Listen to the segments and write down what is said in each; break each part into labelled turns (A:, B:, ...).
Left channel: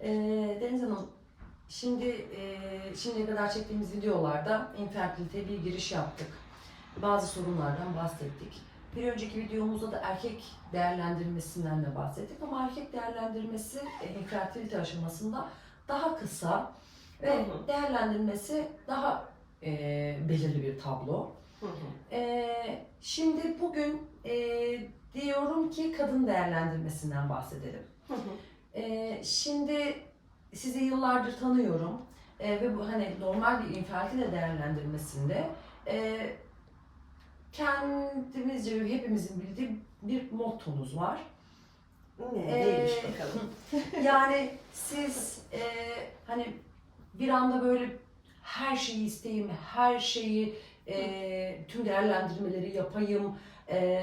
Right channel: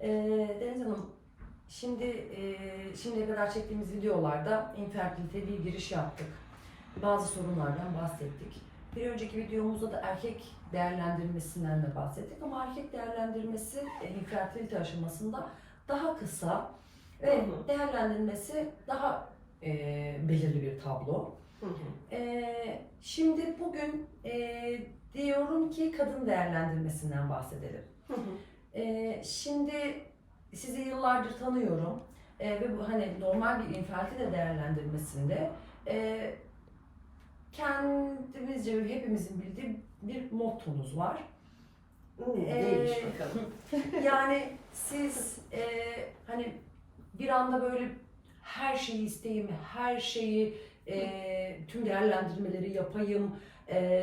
A: Ee, Deniz Hanım, şimdi e, şimdiye kadar çektiğimiz videolarda infertilite bir giriş yaptık. Bazı sorunlardan bahsettik. Bir önceki videomuzda da erkek değerlendirmesinden de bahsettik ama erkek değerlendirmesi e, infertilite aşamasında daha kısa ve
B: Hı hı.
A: değerlendirmesi daha e, belirli bir tablo.
B: Hı hı.
A: Ee, şimdi bugün e, diyorum ki kadın değerlendirmesinden bahsedelim.
B: Hı hı.
A: Ee, şimdi sizi yıllardır tanıyorum Ee, ve bu hani normal bir infertile değerlendirmesinde e, kendimizce ve hepimizin bildiği bir mottomuz var. Ee,
B: Neymiş bakalım.
A: Yani siz e, hani bir anda böyle her şeyi isteyeyim, her şeyi e, tüm değerlendirmeleri yapayım. E,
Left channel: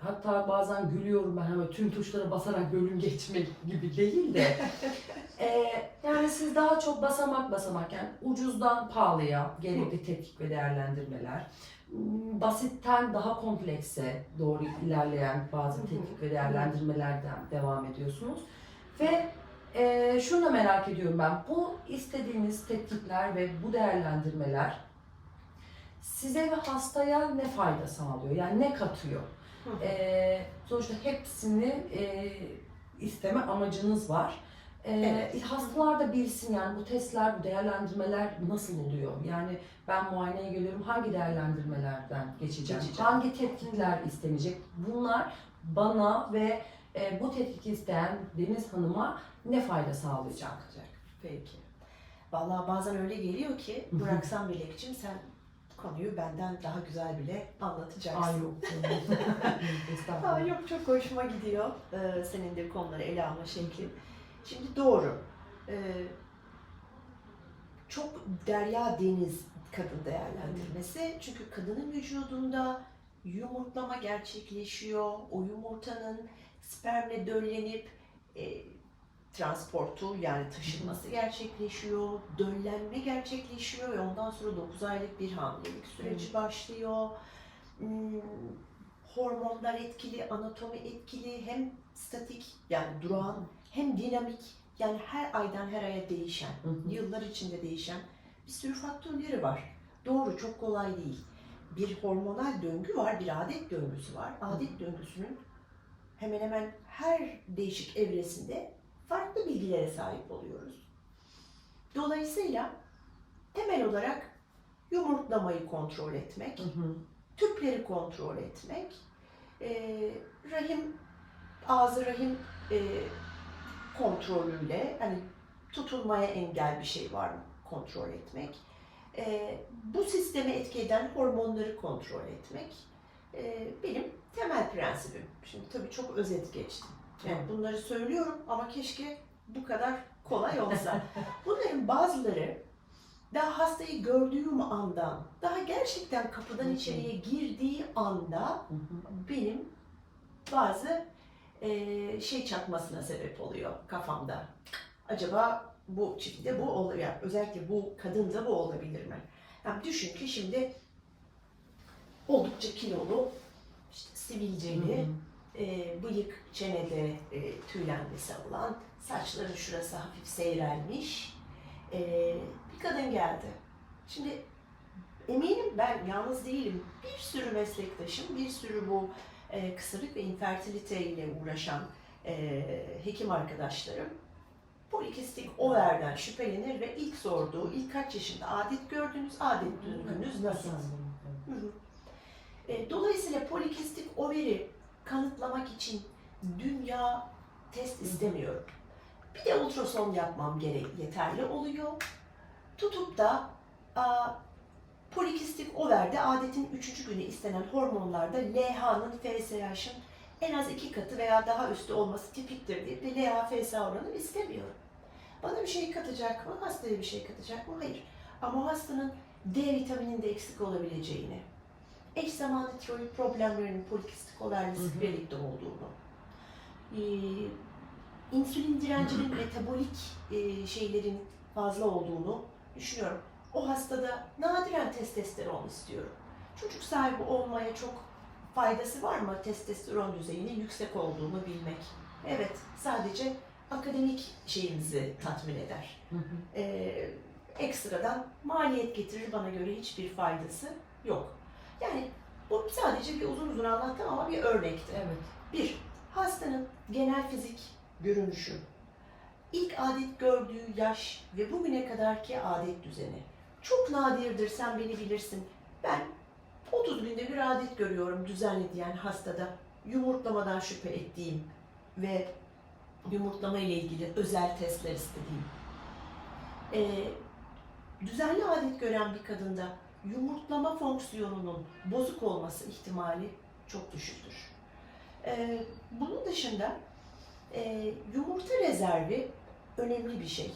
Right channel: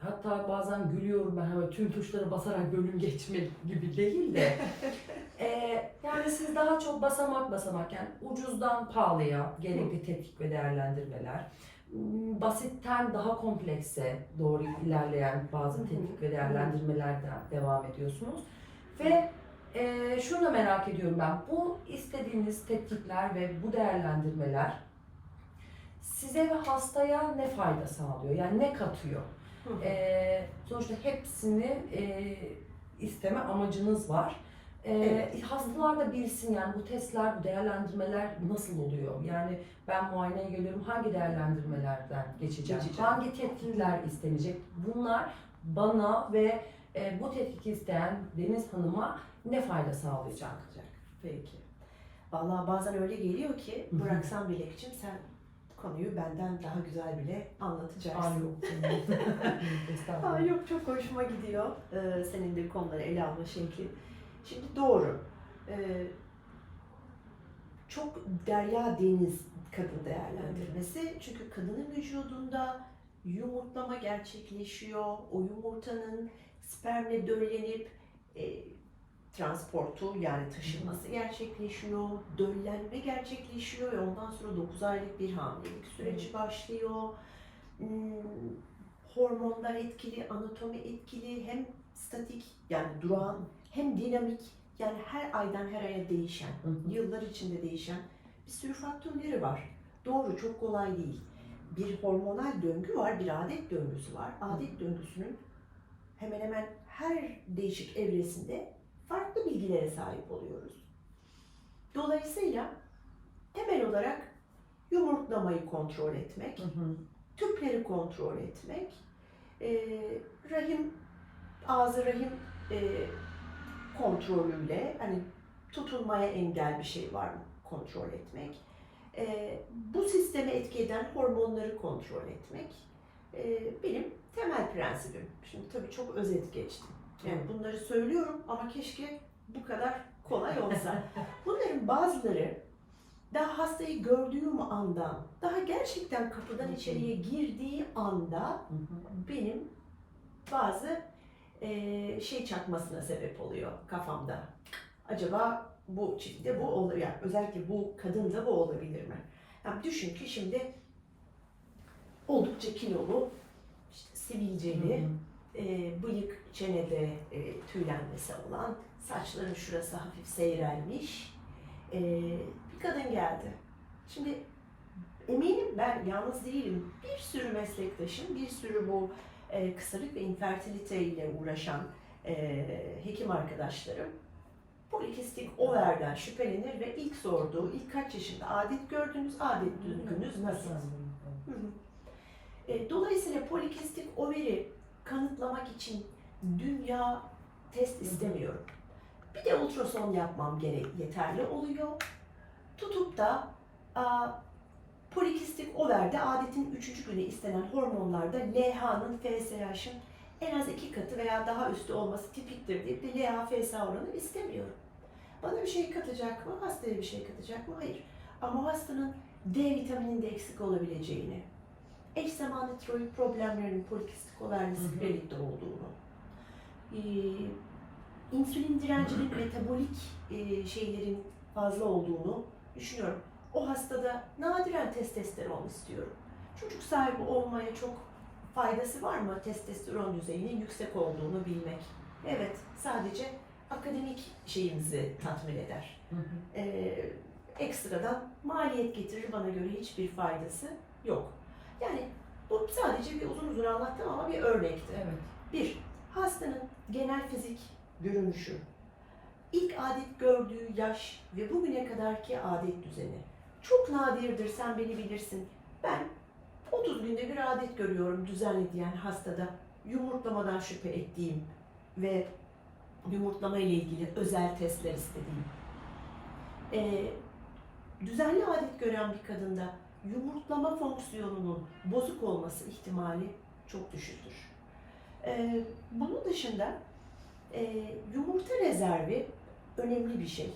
A: hatta bazen gülüyorum ben hani tüm tuşları basarak bölüm geçmek gibi değil de. e, yani siz daha çok basamak basamak yani ucuzdan pahalıya gerekli tetkik ve değerlendirmeler. m, Basitten daha komplekse doğru ilerleyen bazı tetkik ve değerlendirmelerden devam ediyorsunuz. Ve e, şunu da merak ediyorum ben. Bu istediğiniz tetkikler ve bu değerlendirmeler size ve hastaya ne fayda sağlıyor? Yani ne katıyor? E, sonuçta hepsini e, isteme amacınız var. E,
B: Evet.
A: Hastalar da bilsin yani bu testler, bu değerlendirmeler nasıl oluyor? Yani ben muayeneye geliyorum hangi değerlendirmelerden geçeceğim?
B: Geçeceğim.
A: Hangi tetkikler istenecek? Bunlar bana ve e, bu tetkik isteyen Deniz Hanım'a ne fayda sağlayacak?
B: Peki. Vallahi bazen öyle geliyor ki bıraksam Bilekçim sen konuyu benden daha güzel bile anlatacaksın.
A: Ay yok.
B: Aa, yok çok hoşuma gidiyor ee, senin de konuları ele alma şeklin. Şimdi doğru. Ee, çok derya deniz kadın değerlendirmesi. Çünkü kadının vücudunda yumurtlama gerçekleşiyor. O yumurtanın spermle döllenip e, transportu yani taşınması gerçekleşiyor. Döllenme gerçekleşiyor ve ondan sonra 9 aylık bir hamilelik süreci başlıyor. Hmm, hormonlar etkili, anatomi etkili, hem statik yani durağan hem dinamik yani her aydan her aya değişen,
A: Hı hı.
B: yıllar içinde değişen bir sürü faktörleri var. Doğru, çok kolay değil. Bir hormonal döngü var, bir adet döngüsü var. Adet döngüsünün hemen hemen her değişik evresinde farklı bilgilere sahip oluyoruz. Dolayısıyla temel olarak yumurtlamayı kontrol etmek,
A: Hı hı.
B: tüpleri kontrol etmek, e, rahim, ağzı rahim e, kontrolüyle hani tutulmaya engel bir şey var mı kontrol etmek, e, bu sistemi etki eden hormonları kontrol etmek e, benim temel prensibim. Şimdi tabii çok özet geçtim. Yani bunları söylüyorum ama keşke bu kadar kolay olsa. Bunların bazıları daha hastayı gördüğüm andan, daha gerçekten kapıdan içeriye girdiği anda benim bazı eee, şey çakmasına sebep oluyor kafamda. Acaba bu çiftte bu olur yani özellikle bu kadında bu olabilir mi? Yani düşün ki şimdi oldukça kilolu, işte sivilceli. E, bıyık çenede e, tüylenmesi olan, saçların şurası hafif seyrelmiş e, bir kadın geldi. Şimdi eminim ben yalnız değilim. Bir sürü meslektaşım, bir sürü bu e, kısırlık ve infertilite ile uğraşan e, hekim arkadaşlarım polikistik overden şüphelenir ve ilk sorduğu, ilk kaç yaşında adet gördünüz, adet düzgünüz nasıl? Hı hı. E, Dolayısıyla polikistik overi kanıtlamak için dünya test istemiyorum. Bir de ultrason yapmam gerek yeterli oluyor. Tutup da a, polikistik overde adetin 3. günü istenen hormonlarda LH'nın FSH'ın en az iki katı veya daha üstü olması tipiktir deyip de LH FSH oranı istemiyorum. Bana bir şey katacak mı? Hastaya bir şey katacak mı? Hayır. Ama hastanın D vitamininde eksik olabileceğini, eş zamanlı tiroid problemlerinin polikistik
A: Hı hı.
B: sklerotikte olduğunu, e, insülin direncinin metabolik e, şeylerin fazla olduğunu düşünüyorum. O hastada nadiren testosteron istiyorum. Çocuk sahibi olmaya çok faydası var mı testosteron düzeyinin yüksek olduğunu bilmek? Evet, sadece akademik şeyimizi tatmin eder.
A: Hı hı.
B: Ee, ekstradan maliyet getirir bana göre hiçbir faydası yok. Yani bu sadece bir uzun uzun anlattım ama bir örnekti.
A: Evet.
B: Bir, hastanın genel fizik görünüşü, ilk adet gördüğü yaş ve bugüne kadarki adet düzeni. Çok nadirdir, sen beni bilirsin. Ben 30 günde bir adet görüyorum düzenli diyen hastada yumurtlamadan şüphe ettiğim ve yumurtlama ile ilgili özel testler istediğim. Ee, düzenli adet gören bir kadında yumurtlama fonksiyonunun bozuk olması ihtimali çok düşüktür. Ee, bunun dışında e, yumurta rezervi önemli bir şey.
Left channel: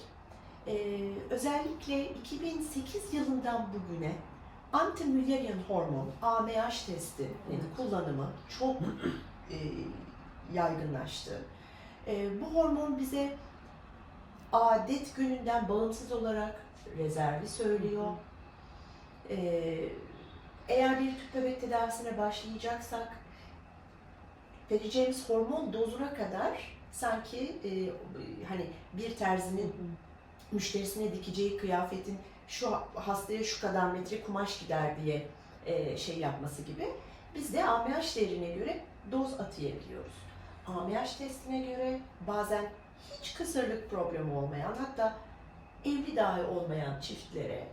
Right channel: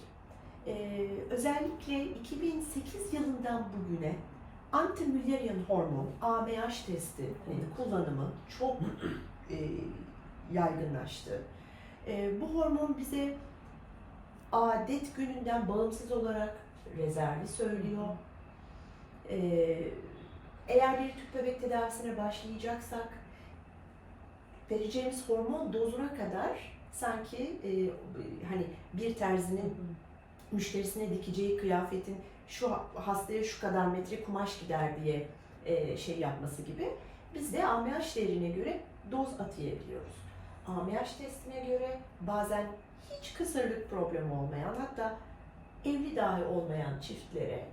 B: Ee, özellikle 2008 yılından bugüne anti-Müllerian hormon AMH testinin
A: Evet.
B: kullanımı çok e, yaygınlaştı. E, bu hormon bize adet gününden bağımsız olarak rezervi söylüyor. E, eğer bir tüp bebek tedavisine başlayacaksak vereceğimiz hormon dozuna kadar sanki e, hani bir terzinin müşterisine dikeceği kıyafetin şu hastaya şu kadar metre kumaş gider diye e, şey yapması gibi biz de AMH değerine göre doz atayabiliyoruz. AMH testine göre bazen hiç kısırlık problemi olmayan hatta evli dahi olmayan çiftlere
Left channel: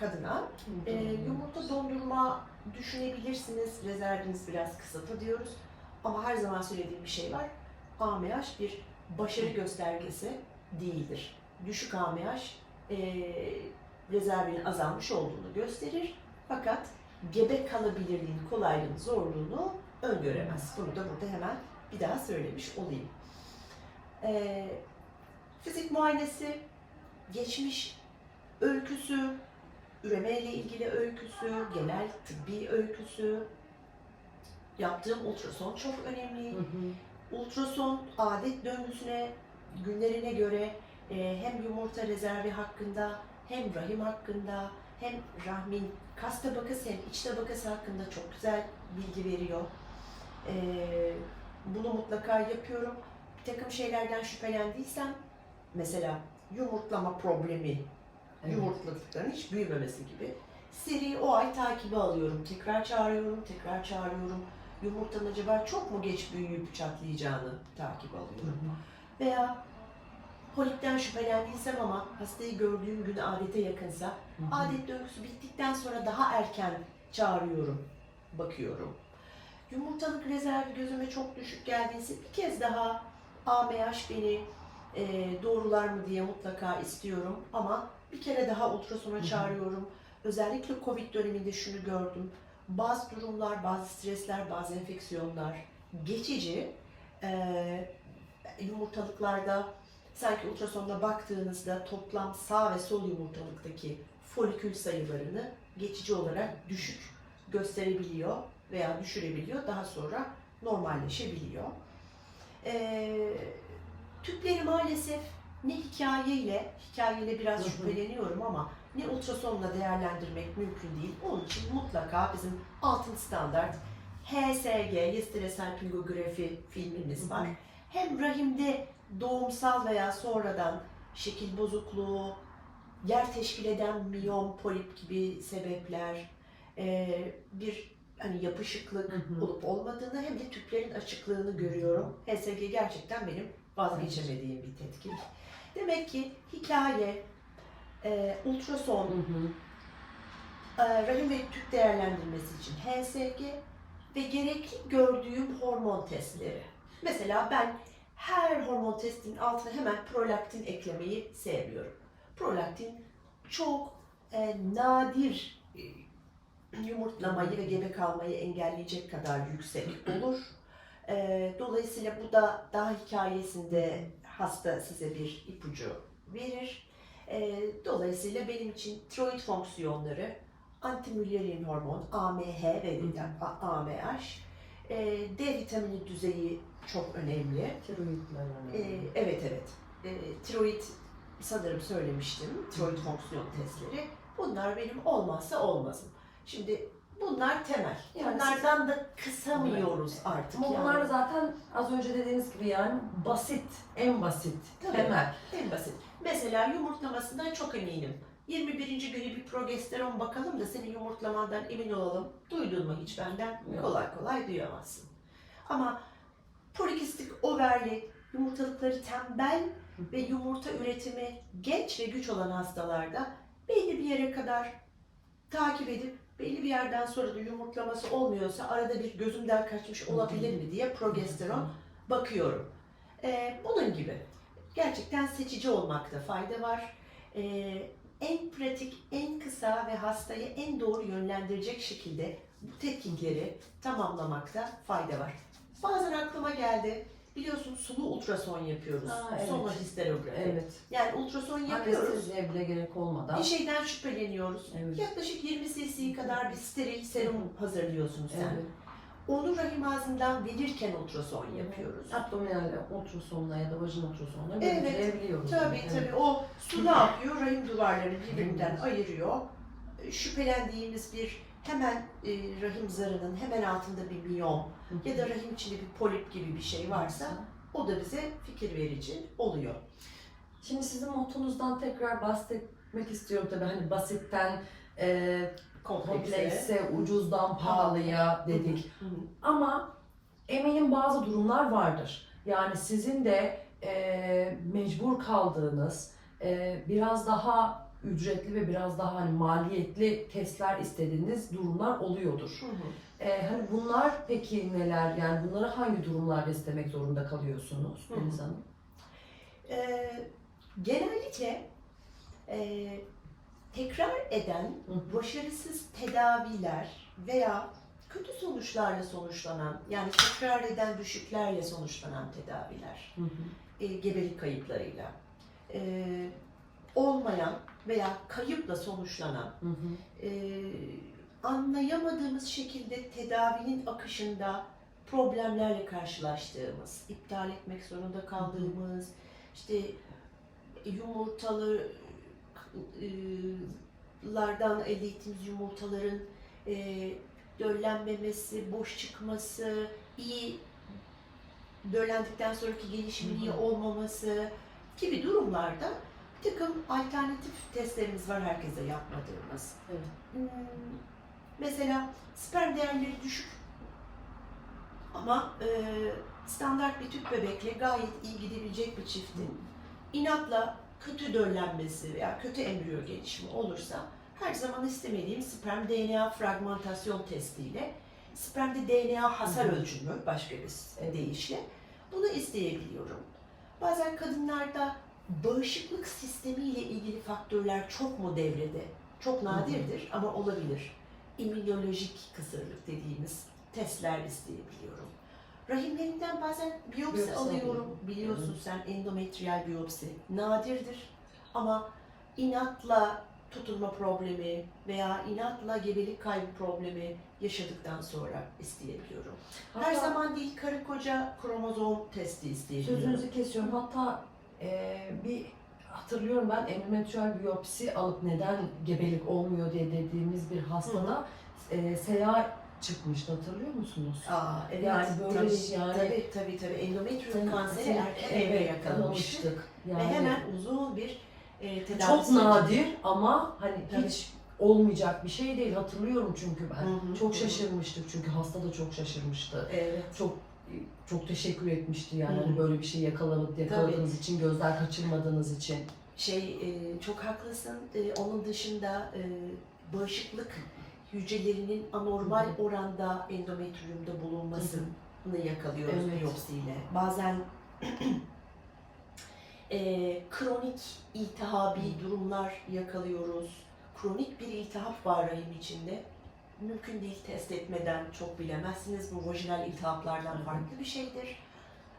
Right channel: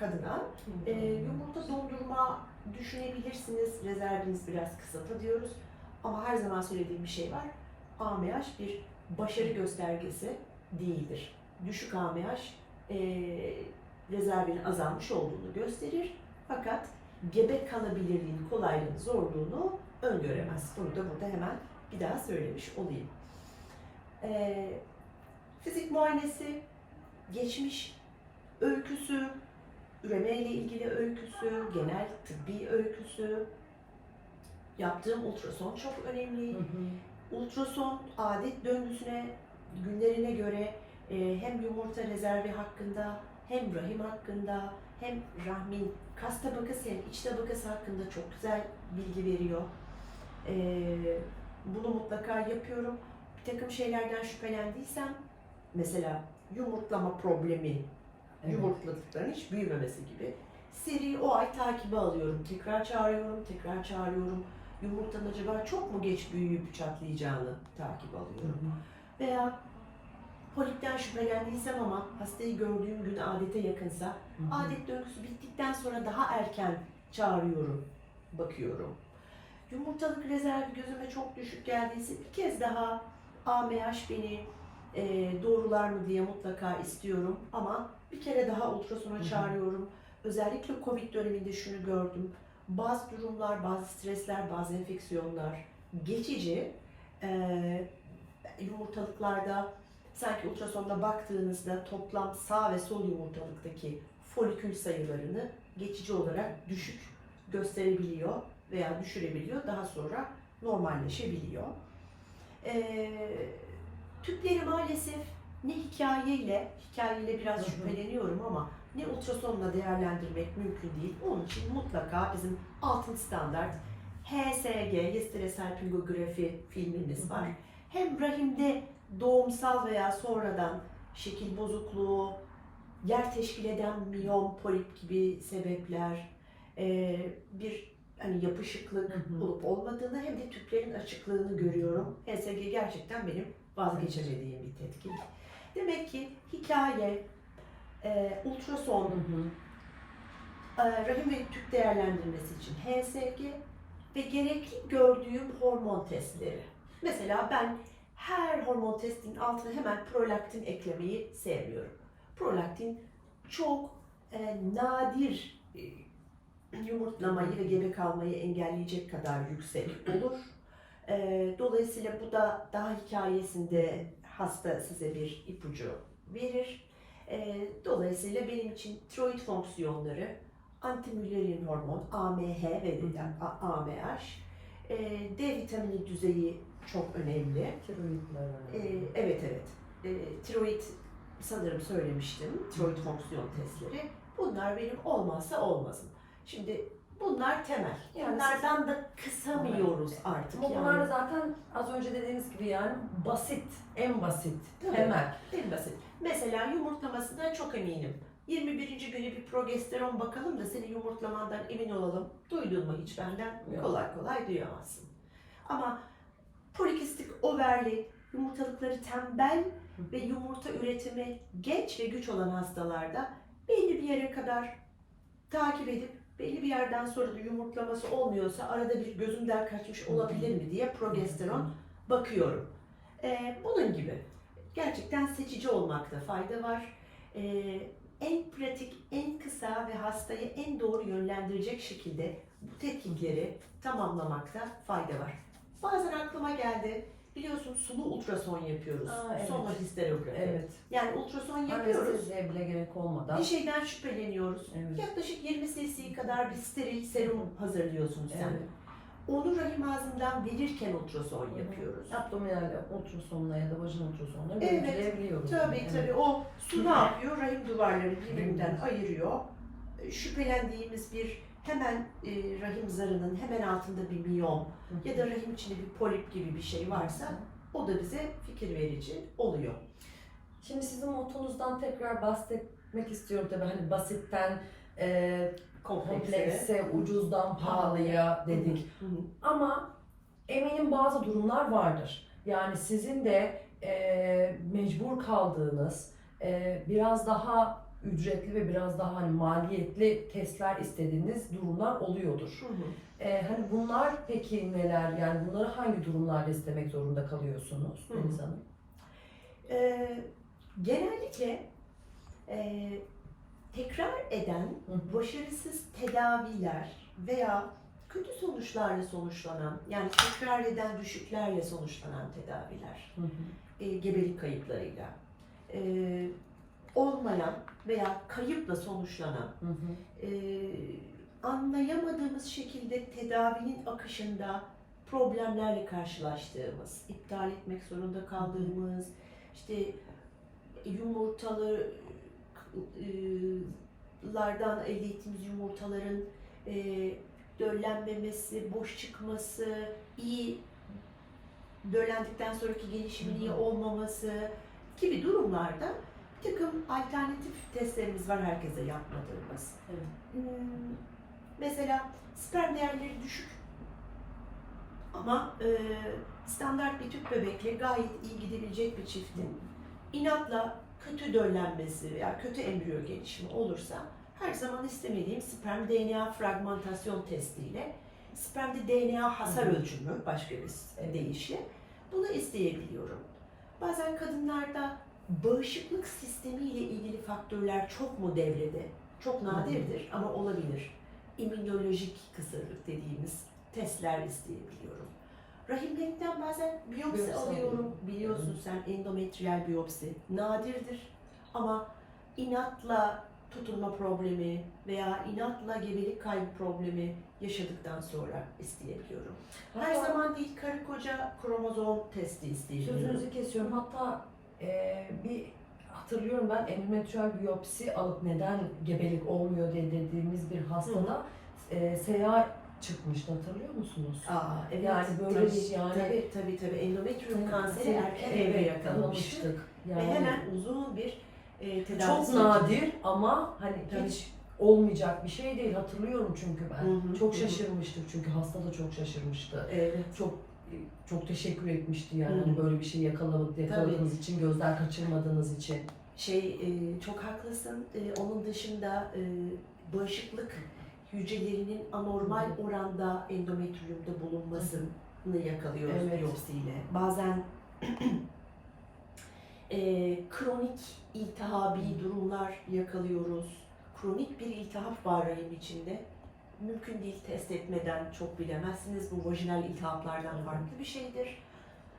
B: kadına e, yumurta dondurma düşünebilirsiniz. Rezerviniz biraz kısıtlı diyoruz. Ama her zaman söylediğim bir şey var. AMH bir başarı göstergesi değildir. Düşük AMH e, rezervinin azalmış olduğunu gösterir. Fakat gebe kalabilirliğin kolaylığını, zorluğunu öngöremez. Bunu da burada hemen bir daha söylemiş olayım. E, fizik muayenesi, geçmiş öyküsü, üreme ile ilgili öyküsü, genel tıbbi öyküsü, yaptığım ultrason çok önemli.
A: Hı hı.
B: Ultrason adet döngüsüne, günlerine göre e, hem yumurta rezervi hakkında, hem rahim hakkında, hem rahmin kas tabakası hem iç tabakası hakkında çok güzel bilgi veriyor. E, bunu mutlaka yapıyorum. Bir takım şeylerden şüphelendiysem, mesela yumurtlama problemi,
A: Evet.
B: yumurtladıklarının hiç büyümemesi gibi. Seri o ay takibi alıyorum. Tekrar çağırıyorum, tekrar çağırıyorum. Yumurtanın acaba çok mu geç büyüyüp çatlayacağını takip
A: Hı
B: alıyorum.
A: hı.
B: Veya polipten şüphelendiysem ama hastayı gördüğüm gün adete yakınsa
A: Hı hı.
B: adet döngüsü bittikten sonra daha erken çağırıyorum, bakıyorum. Yumurtalık rezervi gözüme çok düşük geldiyse bir kez daha AMH beni e, doğrular mı diye mutlaka istiyorum ama bir kere daha ultrasona çağırıyorum. Özellikle Covid döneminde şunu gördüm. Bazı durumlar, bazı stresler, bazı enfeksiyonlar geçici. E, yumurtalıklarda sanki ultrasonda baktığınızda toplam sağ ve sol yumurtalıktaki folikül sayılarını geçici olarak düşük gösterebiliyor veya düşürebiliyor. Daha sonra normalleşebiliyor. Ee, tüpleri maalesef ne hikayeyle, hikayeyle biraz şüpheleniyorum ama ne ultrasonla değerlendirmek mümkün değil. Onun için mutlaka bizim altın standart HSG, Hysterecel Pingografi filmimiz var. Hem rahimde doğumsal veya sonradan şekil bozukluğu, yer teşkil eden miyom, polip gibi sebepler, e, bir hani yapışıklık
A: Hı hı.
B: olup olmadığını hem de tüplerin açıklığını görüyorum. HSG gerçekten benim vazgeçemediğim bir tetkik. Demek ki hikaye, e, ultrason,
A: Hı hı.
B: e, rahim ve tüp değerlendirmesi için HSG ve gerekli gördüğüm hormon testleri. Mesela ben her hormon testinin altına hemen prolaktin eklemeyi sevmiyorum. Prolaktin çok e, nadir e, yumurtlamayı ve gebe kalmayı engelleyecek kadar yüksek olur. E, dolayısıyla bu da daha hikayesinde hasta size bir ipucu verir. E, dolayısıyla benim için tiroid fonksiyonları, antimüllerian hormon, AMH ve AMH, e, D vitamini düzeyi çok önemli.
A: Tiroidler
B: E, evet evet. E, tiroid sanırım söylemiştim. Tiroid fonksiyon testleri. Bunlar benim olmazsa olmazım. Şimdi Bunlar temel.
A: Yani
B: Bunlardan da kısamıyoruz artık.
A: Ama
B: yani.
A: bunlar zaten az önce dediğiniz gibi yani basit, en basit,
B: Tabii.
A: temel.
B: En basit. Mesela yumurtlamasından çok eminim. 21. günü bir progesteron bakalım da senin yumurtlamandan emin olalım. Duydun mu hiç benden?
A: Yok.
B: Kolay kolay duyamazsın. Ama polikistik overli, yumurtalıkları tembel ve yumurta üretimi genç ve güç olan hastalarda belli bir yere kadar takip edip belli bir yerden sonra da yumurtlaması olmuyorsa arada bir gözümden kaçmış olabilir mi diye progesteron bakıyorum. Ee, bunun gibi. Gerçekten seçici olmakta fayda var. Ee, en pratik, en kısa ve hastayı en doğru yönlendirecek şekilde bu tetkikleri tamamlamakta fayda var. Bazen aklıma geldi. Biliyorsun sulu ultrason yapıyoruz.
A: Aa, evet.
B: Sonohisterografi.
A: Evet.
B: Yani ultrason yapıyoruz.
A: Anesteziye bile gerek olmadan.
B: Bir şeyden şüpheleniyoruz.
A: Evet.
B: Yaklaşık 20 cc kadar bir steril serum hazırlıyorsun sen.
A: Evet.
B: Onu rahim ağzından verirken ultrason yapıyoruz.
A: Abdominal ultrasonla ya da vajin ultrasonla
B: Evet.
A: görüntüleyebiliyoruz.
B: Tabii
A: Evet.
B: tabii o su ne yapıyor? Rahim duvarları birbirinden ayırıyor. Şüphelendiğimiz bir hemen e, rahim zarının hemen altında bir miyom ya da rahim içinde bir polip gibi bir şey varsa o da bize fikir verici oluyor.
A: Şimdi sizin mottonuzdan tekrar bahsetmek istiyorum tabii hani basitten e, komplekse, ucuzdan pahalıya dedik.
B: Hı hı.
A: Ama eminim bazı durumlar vardır. Yani sizin de e, mecbur kaldığınız e, biraz daha ücretli ve biraz daha hani maliyetli testler istediğiniz durumlar oluyordur.
B: Hı hı.
A: E, hani bunlar peki neler? Yani bunları hangi durumlarda istemek zorunda kalıyorsunuz. Deniz Hanım?
B: Ee, genellikle e, tekrar eden
A: hı.
B: başarısız tedaviler veya kötü sonuçlarla sonuçlanan yani tekrar eden düşüklerle sonuçlanan tedaviler
A: Hı hı.
B: e, gebelik kayıplarıyla e, olmayan veya kayıpla sonuçlanan
A: Hı hı.
B: e, anlayamadığımız şekilde tedavinin akışında problemlerle karşılaştığımız, iptal etmek zorunda kaldığımız, işte yumurtalı e, lardan elde ettiğimiz yumurtaların e, döllenmemesi, boş çıkması, iyi döllendikten sonraki gelişimin iyi
A: Hı hı.
B: olmaması gibi durumlarda bir takım alternatif testlerimiz var herkese yapmadığımız.
A: Evet.
B: Hmm, Mesela sperm değerleri düşük ama e, standart bir tüp bebekle gayet iyi gidebilecek bir çiftin inatla kötü döllenmesi veya kötü embriyo gelişimi olursa her zaman istemediğim sperm DNA fragmentasyon testiyle spermde DNA hasar
A: Hı hı.
B: ölçümü başka bir deyişle bunu isteyebiliyorum. Bazen kadınlarda bağışıklık sistemiyle ilgili faktörler çok mu devrede? Çok nadirdir ama olabilir. İmmünolojik kısırlık dediğimiz testler isteyebiliyorum. Rahimlerinden bazen biyopsi,
A: Biyopsi
B: alıyorum.
A: alıyorum.
B: Biliyorsun sen endometriyal biyopsi nadirdir ama inatla tutunma problemi veya inatla gebelik kaybı problemi yaşadıktan sonra isteyebiliyorum. Her
A: Hatta-
B: zaman değil karı koca kromozom testi isteyebiliyorum.
A: Sözünüzü kesiyorum. Hatta e, bir hatırlıyorum ben endometriyal biyopsi alıp neden gebelik olmuyor diye dediğimiz bir hastada e, seyahat çıkmıştı hatırlıyor musunuz?
B: Aa, evet,
A: Yani böyle
B: tabii,
A: yani-
B: tabii tabii tabii endometrium kanseri erken yakalamıştı
A: yakalamıştık.
B: ve
A: Yani
B: hemen uzun bir e, tedavi
A: çok
B: süreci.
A: nadir ama hani
B: Tabii.
A: hiç olmayacak bir şey değil hatırlıyorum çünkü ben.
B: Hı hı,
A: çok şaşırmıştık çünkü hasta da çok şaşırmıştı.
B: Evet.
A: Çok çok teşekkür etmişti yani
B: Hı hı.
A: hani böyle bir şey yakalamak, yakaladığınız için, gözden kaçırmadığınız için.
B: Şey e, çok haklısın. E, onun dışında e, bağışıklık hücrelerinin anormal oranda endometriumda bulunmasını yakalıyoruz
A: Evet.
B: biyopsiyle. Bazen e, kronik iltihabi
A: Hı.
B: durumlar yakalıyoruz. Kronik bir iltihap var rahim içinde. Mümkün değil test etmeden çok bilemezsiniz. Bu vajinal iltihaplardan farklı bir şeydir.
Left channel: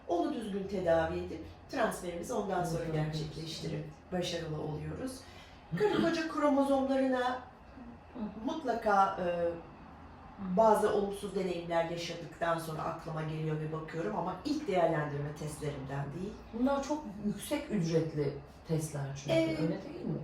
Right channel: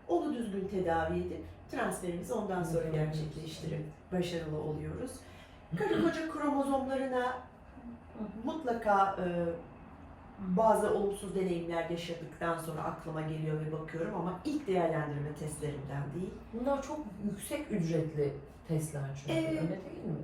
B: Onu düzgün tedavi edip transferimizi ondan sonra gerçekleştirip başarılı oluyoruz. Karı koca kromozomlarına mutlaka e, bazı olumsuz deneyimler yaşadıktan sonra aklıma geliyor ve bakıyorum ama ilk değerlendirme testlerimden değil.
A: Bunlar çok yüksek ücretli testler çünkü
B: Evet.
A: öyle değil mi?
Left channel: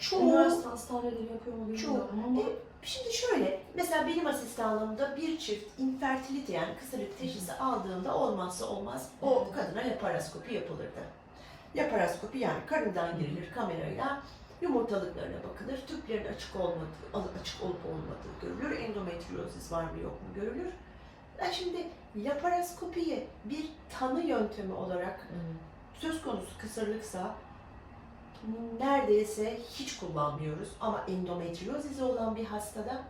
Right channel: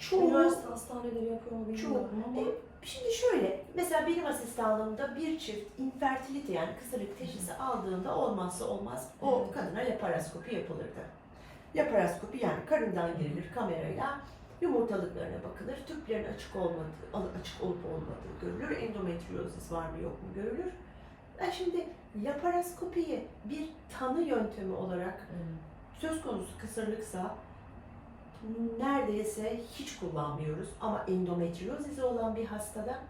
B: çoğu
A: Üniversite hastaneleri yapıyor mu
B: Çoğu.
A: bilmiyorum ama.
B: E, Şimdi şöyle, mesela benim asistanlığımda bir çift infertilite yani kısırlık teşhisi aldığında olmazsa olmaz o kadına laparoskopi yapılırdı. Laparoskopi yani karından girilir kamerayla yumurtalıklarına bakılır, tüplerin açık olmadığı, açık olup olmadığı görülür, endometriozis var mı yok mu görülür. Yani şimdi laparoskopiyi bir tanı yöntemi olarak söz konusu kısırlıksa neredeyse hiç kullanmıyoruz. Ama endometriozisi olan bir hastada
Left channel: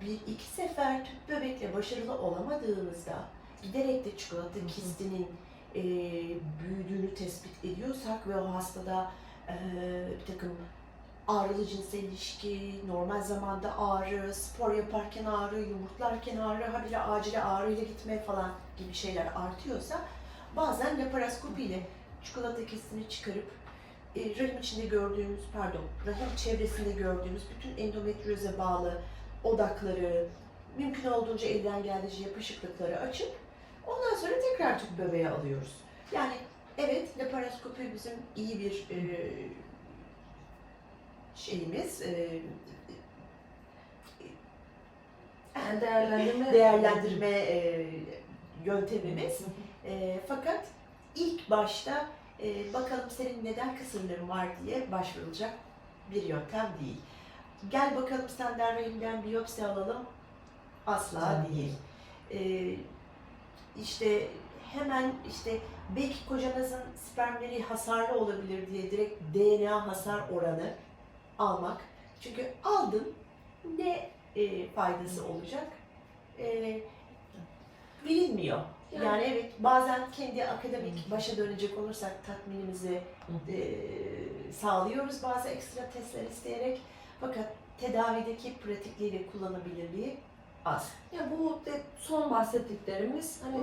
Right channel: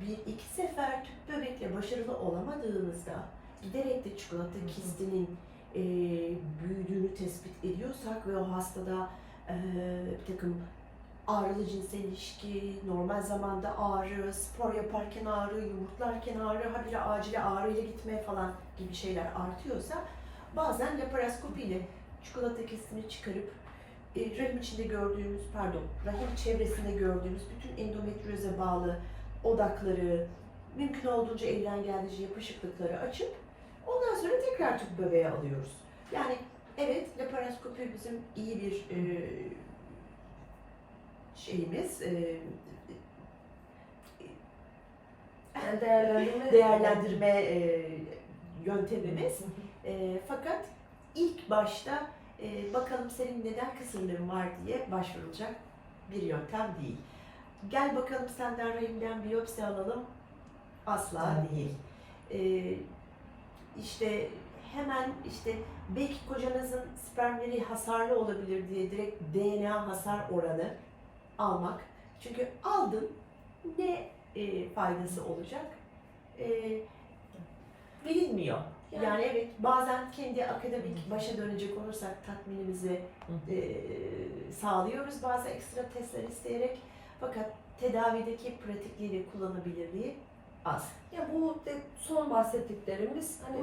B: bir iki sefer tüp bebekle başarılı olamadığınızda giderek de çikolata
A: hı.
B: kistinin e, büyüdüğünü tespit ediyorsak ve o hastada e, bir takım ağrılı cinsel ilişki, normal zamanda ağrı, spor yaparken ağrı, yumurtlarken ağrı, habire acile ağrıyla gitme falan gibi şeyler artıyorsa bazen laparoskopi ile çikolata kistini çıkarıp rahim içinde gördüğümüz, pardon, rahim çevresinde gördüğümüz bütün endometrioze bağlı odakları, mümkün olduğunca elden geldiğince yapışıklıkları açıp ondan sonra tekrar tüp bebeğe alıyoruz. Yani evet laparoskopi bizim iyi bir e, şeyimiz, e,
A: Yani değerlendirme.
B: değerlendirme e, yöntemimiz. E, fakat ilk başta e, bakalım senin neden kısırlığın var diye başvurulacak bir yöntem değil. Gel bakalım senden rahimden biyopsi alalım. Asla değil. E, işte hemen işte belki kocanızın spermleri hasarlı olabilir diye direkt DNA hasar oranı almak. Çünkü aldın ne e, faydası olacak? E, bilinmiyor.
A: Yani-
B: Yani, evet bazen kendi akademik başa dönecek olursak tatminimizi e, sağlıyoruz bazı ekstra testler isteyerek. Fakat tedavideki pratikliği ve kullanabilirliği az.
A: Ya bu de son bahsettiklerimiz hani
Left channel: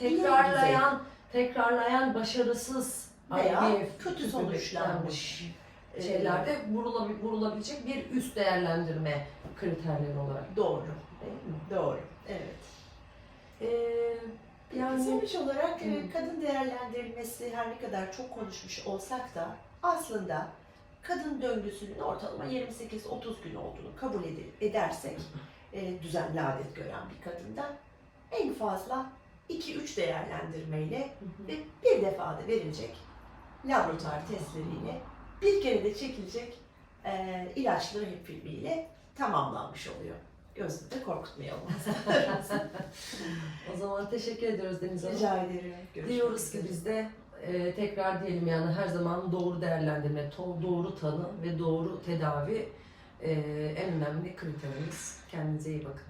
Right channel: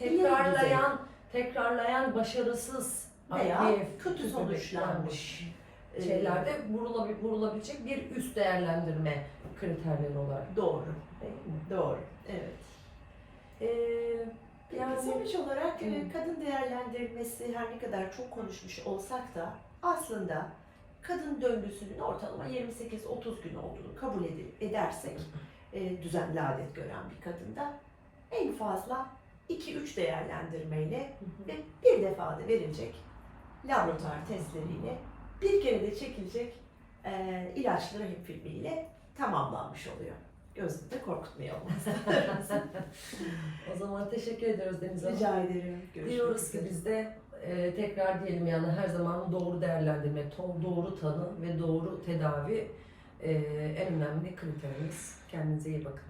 B: İyi
A: tekrarlayan, tekrarlayan başarısız
B: Veya
A: IVF
B: kötü sonuçlanmış e,
A: şeylerde vurulabil, vurulabilecek bir üst değerlendirme kriterleri olarak
B: Doğru,
A: değil mi?
B: doğru. Evet.
A: Ee,
B: Yani sonuç olarak
A: Hı.
B: kadın değerlendirilmesi her ne kadar çok konuşmuş olsak da aslında kadın döngüsünün ortalama 28-30 gün olduğunu kabul edersek e, düzenli adet gören bir kadında en fazla 2-3 değerlendirmeyle ve bir defada verilecek laboratuvar testleriyle bir kere de çekilecek e, ilaçlı rahip filmiyle tamamlanmış oluyor. Gözünü de korkutmayalım.
A: o zaman teşekkür ediyoruz Deniz Hanım.
B: Rica ederim. Görüşmek
A: Diyoruz ki biz de e, tekrar diyelim yani her zaman doğru değerlendirme, doğru tanı ve doğru tedavi e, en önemli kriterimiz. Kendinize iyi bakın.